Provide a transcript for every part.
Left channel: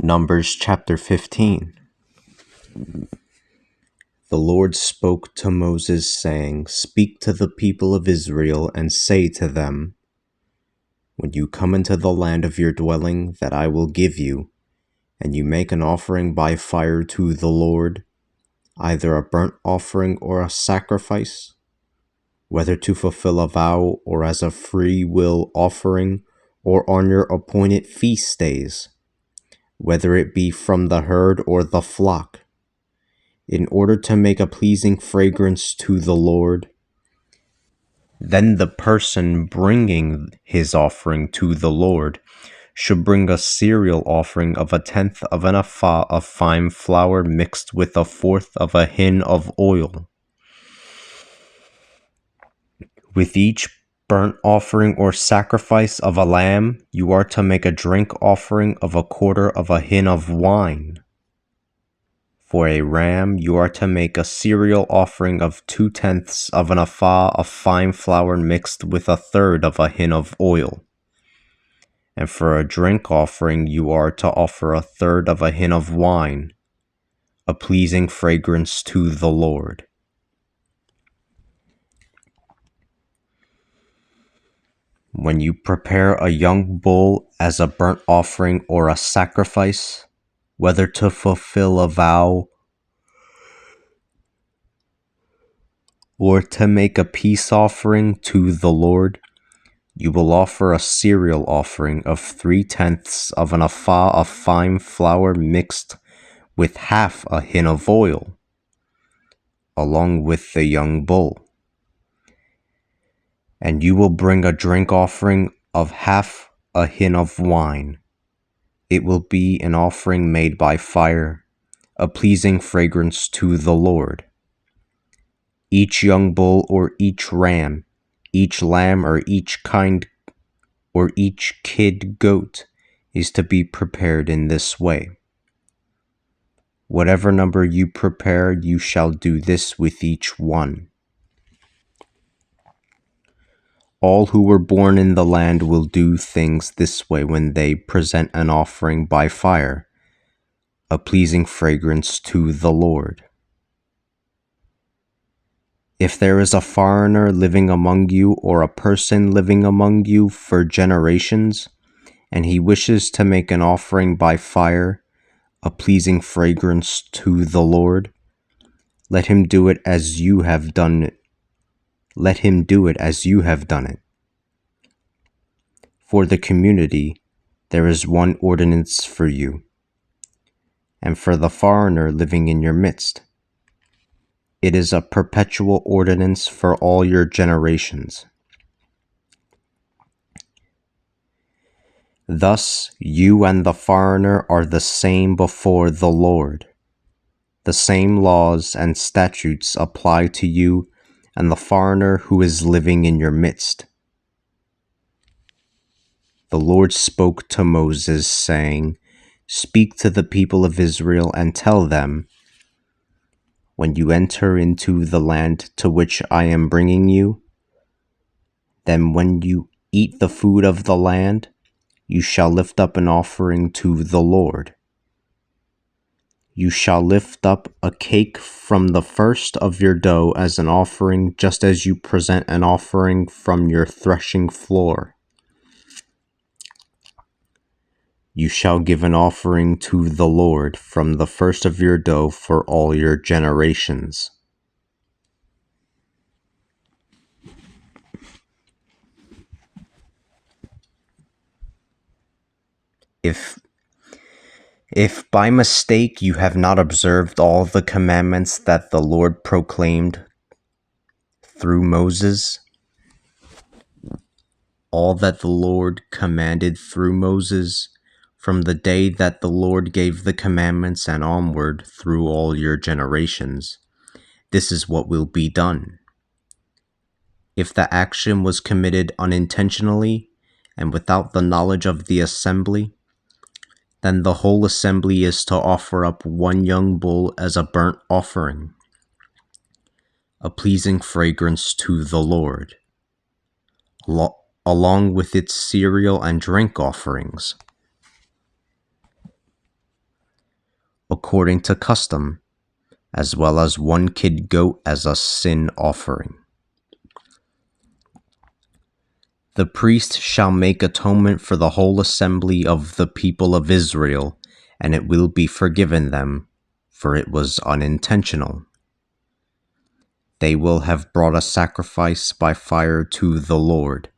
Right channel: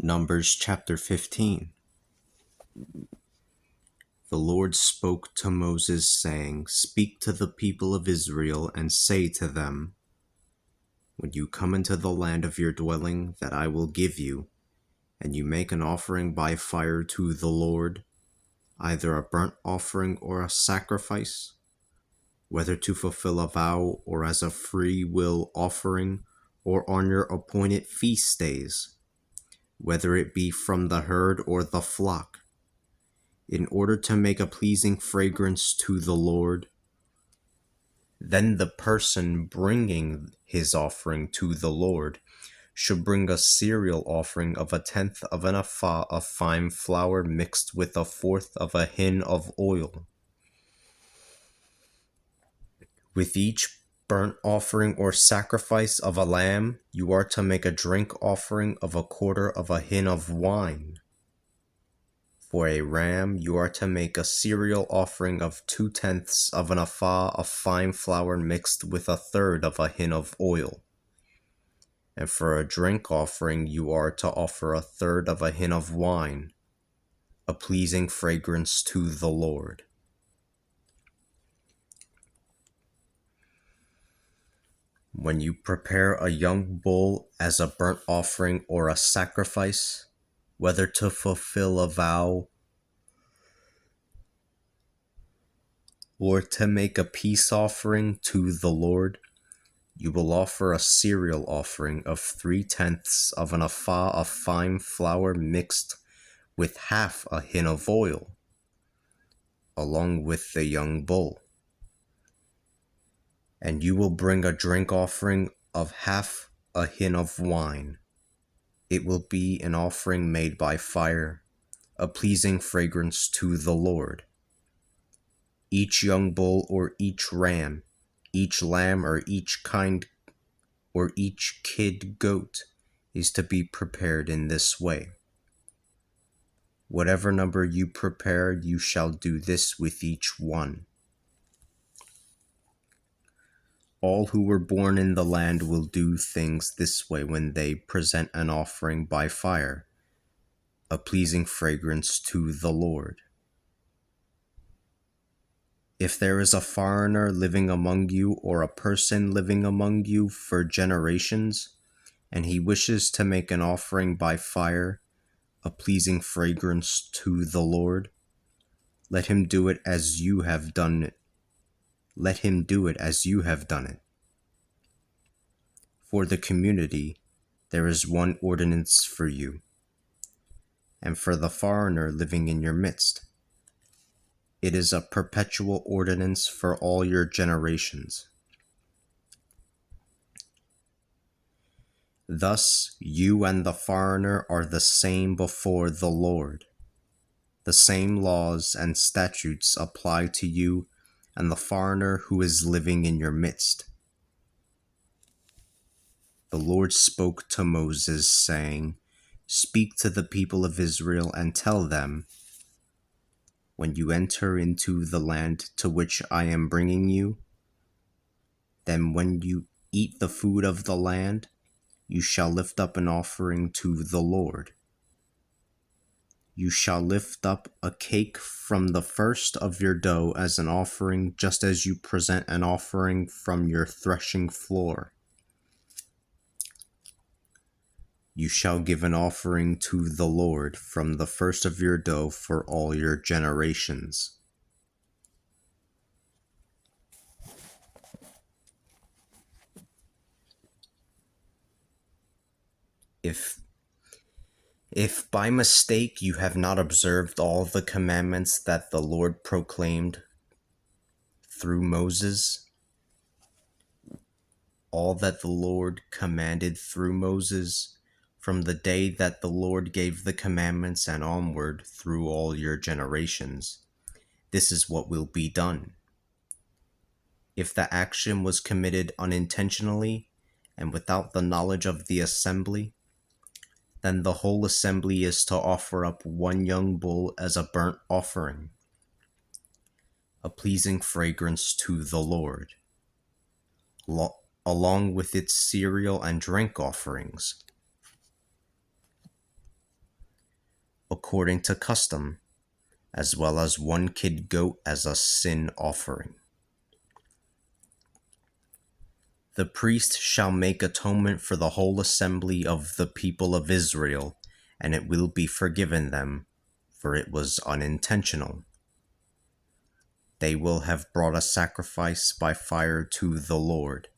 Numbers chapter 15. The Lord spoke to Moses, saying, Speak to the people of Israel and say to them, When you come into the land of your dwelling that I will give you, and you make an offering by fire to the Lord, either a burnt offering or a sacrifice, whether to fulfill a vow or as a free will offering or on your appointed feast days, whether it be from the herd or the flock, in order to make a pleasing fragrance to the Lord, then the person bringing his offering to the Lord should bring a cereal offering of 1/10 of an ephah of fine flour mixed with 1/4 of a hin of oil. With each burnt offering or sacrifice of a lamb, you are to make a drink offering of 1/4 of a hin of wine. For a ram, you are to make a cereal offering of 2/10 of an ephah of fine flour mixed with 1/3 of a hin of oil. And for a drink offering, you are to offer 1/3 of a hin of wine, a pleasing fragrance to the Lord. When you prepare a young bull as a burnt offering or a sacrifice, whether to fulfill a vow or to make a peace offering to the Lord, you will offer a cereal offering of 3/10 of an ephah of fine flour mixed with 1/2 a hin of oil, along with the young bull. And you will bring a drink offering of 1/2 a hin of wine. It will be an offering made by fire, a pleasing fragrance to the Lord. Each young bull or each ram, each lamb or each kid goat is to be prepared in this way. Whatever number you prepare, you shall do this with each one. All who were born in the land will do things this way when they present an offering by fire, a pleasing fragrance to the Lord. If there is a foreigner living among you or a person living among you for generations, and he wishes to make an offering by fire, a pleasing fragrance to the Lord, let him do it as you have done it. Let him do it as you have done it. For the community, there is one ordinance for you, and for the foreigner living in your midst. It is a perpetual ordinance for all your generations. Thus, you and the foreigner are the same before the Lord. The same laws and statutes apply to you and the foreigner who is living in your midst. The Lord spoke to Moses, saying, Speak to the people of Israel and tell them, when you enter into the land to which I am bringing you, then when you eat the food of the land, you shall lift up an offering to the Lord. You shall lift up a cake from the first of your dough as an offering, just as you present an offering from your threshing floor. You shall give an offering to the Lord from the first of your dough for all your generations. If by mistake you have not observed all the commandments that the Lord proclaimed through Moses, all that the Lord commanded through Moses, from the day that the Lord gave the commandments and onward through all your generations, this is what will be done. If the action was committed unintentionally and without the knowledge of the assembly, then the whole assembly is to offer up one young bull as a burnt offering, a pleasing fragrance to the Lord, along with its cereal and drink offerings. according to custom, as well as 1 kid goat as a sin offering. The priest shall make atonement for the whole assembly of the people of Israel, and it will be forgiven them, for it was unintentional. They will have brought a sacrifice by fire to the Lord,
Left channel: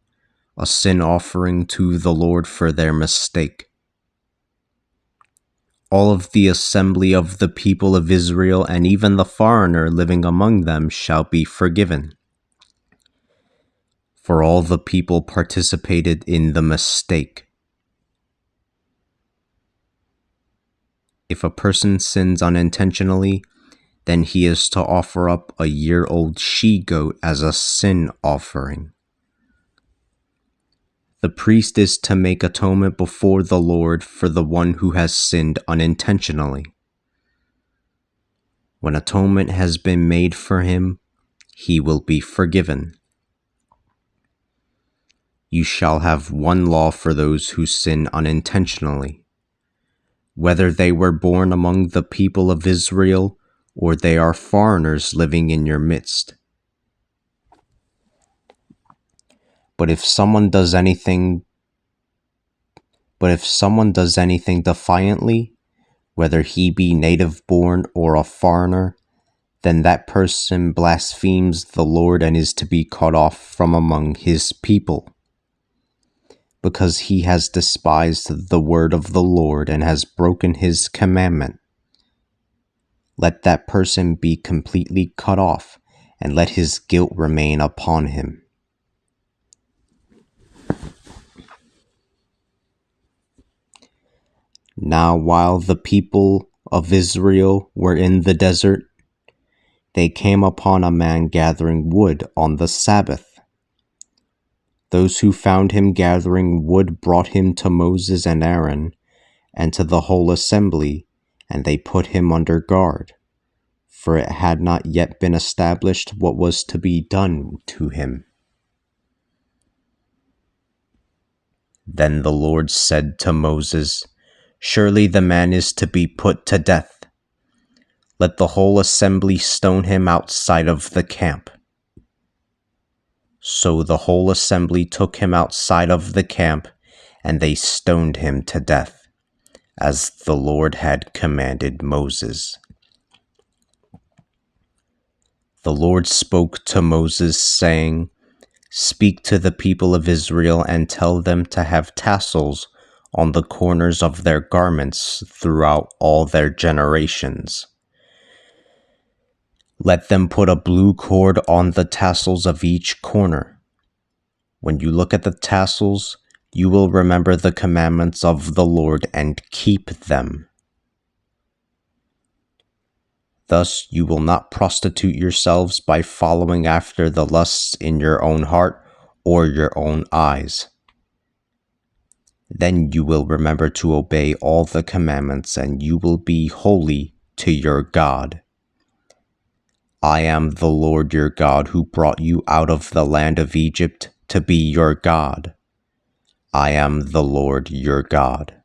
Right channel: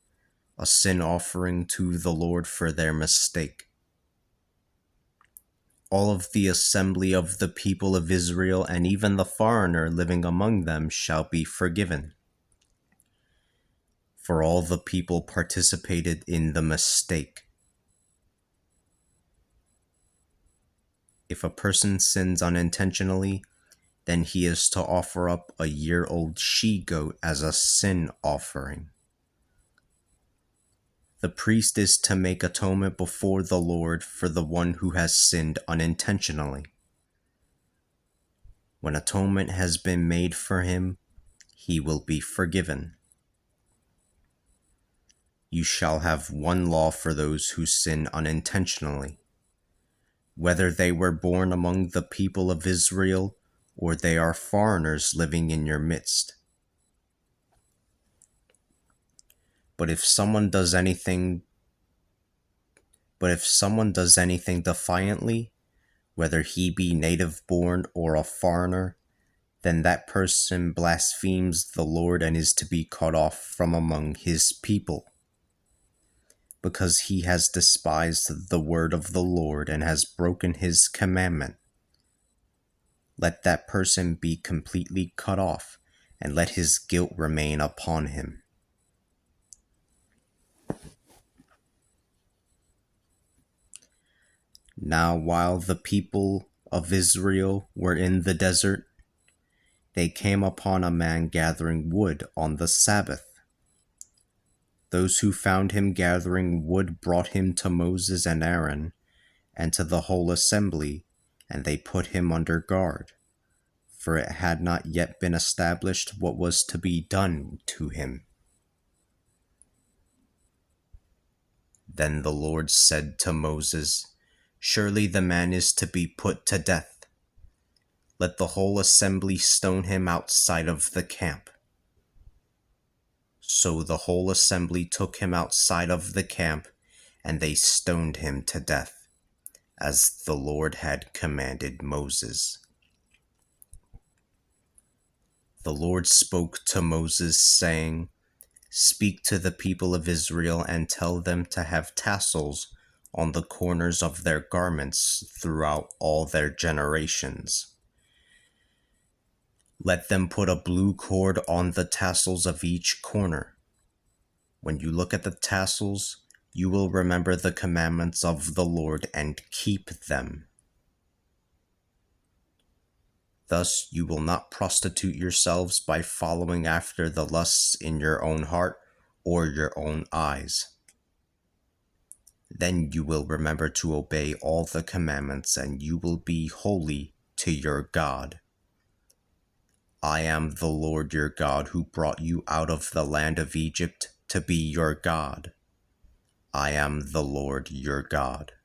a sin offering to the Lord for their mistake. All of the assembly of the people of Israel and even the foreigner living among them shall be forgiven. For all the people participated in the mistake. If a person sins unintentionally, then he is to offer up a year-old she-goat as a sin offering. The priest is to make atonement before the Lord for the one who has sinned unintentionally. When atonement has been made for him, he will be forgiven. You shall have 1 law for those who sin unintentionally, whether they were born among the people of Israel or they are foreigners living in your midst. But if someone does anything defiantly, whether he be native born or a foreigner, then that person blasphemes the Lord and is to be cut off from among his people, because he has despised the word of the Lord and has broken his commandment. Let that person be completely cut off, and let his guilt remain upon him. Now while the people of Israel were in the desert, they came upon a man gathering wood on the Sabbath. Those who found him gathering wood brought him to Moses and Aaron and to the whole assembly, and they put him under guard, for it had not yet been established what was to be done to him. Then the Lord said to Moses, "Surely the man is to be put to death. Let the whole assembly stone him outside of the camp." So the whole assembly took him outside of the camp, and they stoned him to death, as the Lord had commanded Moses. The Lord spoke to Moses, saying, "Speak to the people of Israel and tell them to have tassels on the corners of their garments throughout all their generations. Let them put a blue cord on the tassels of each corner. When you look at the tassels, you will remember the commandments of the Lord and keep them. Thus you will not prostitute yourselves by following after the lusts in your own heart or your own eyes. Then you will remember to obey all the commandments, and you will be holy to your God. I am the Lord your God who brought you out of the land of Egypt to be your God. I am the Lord your God."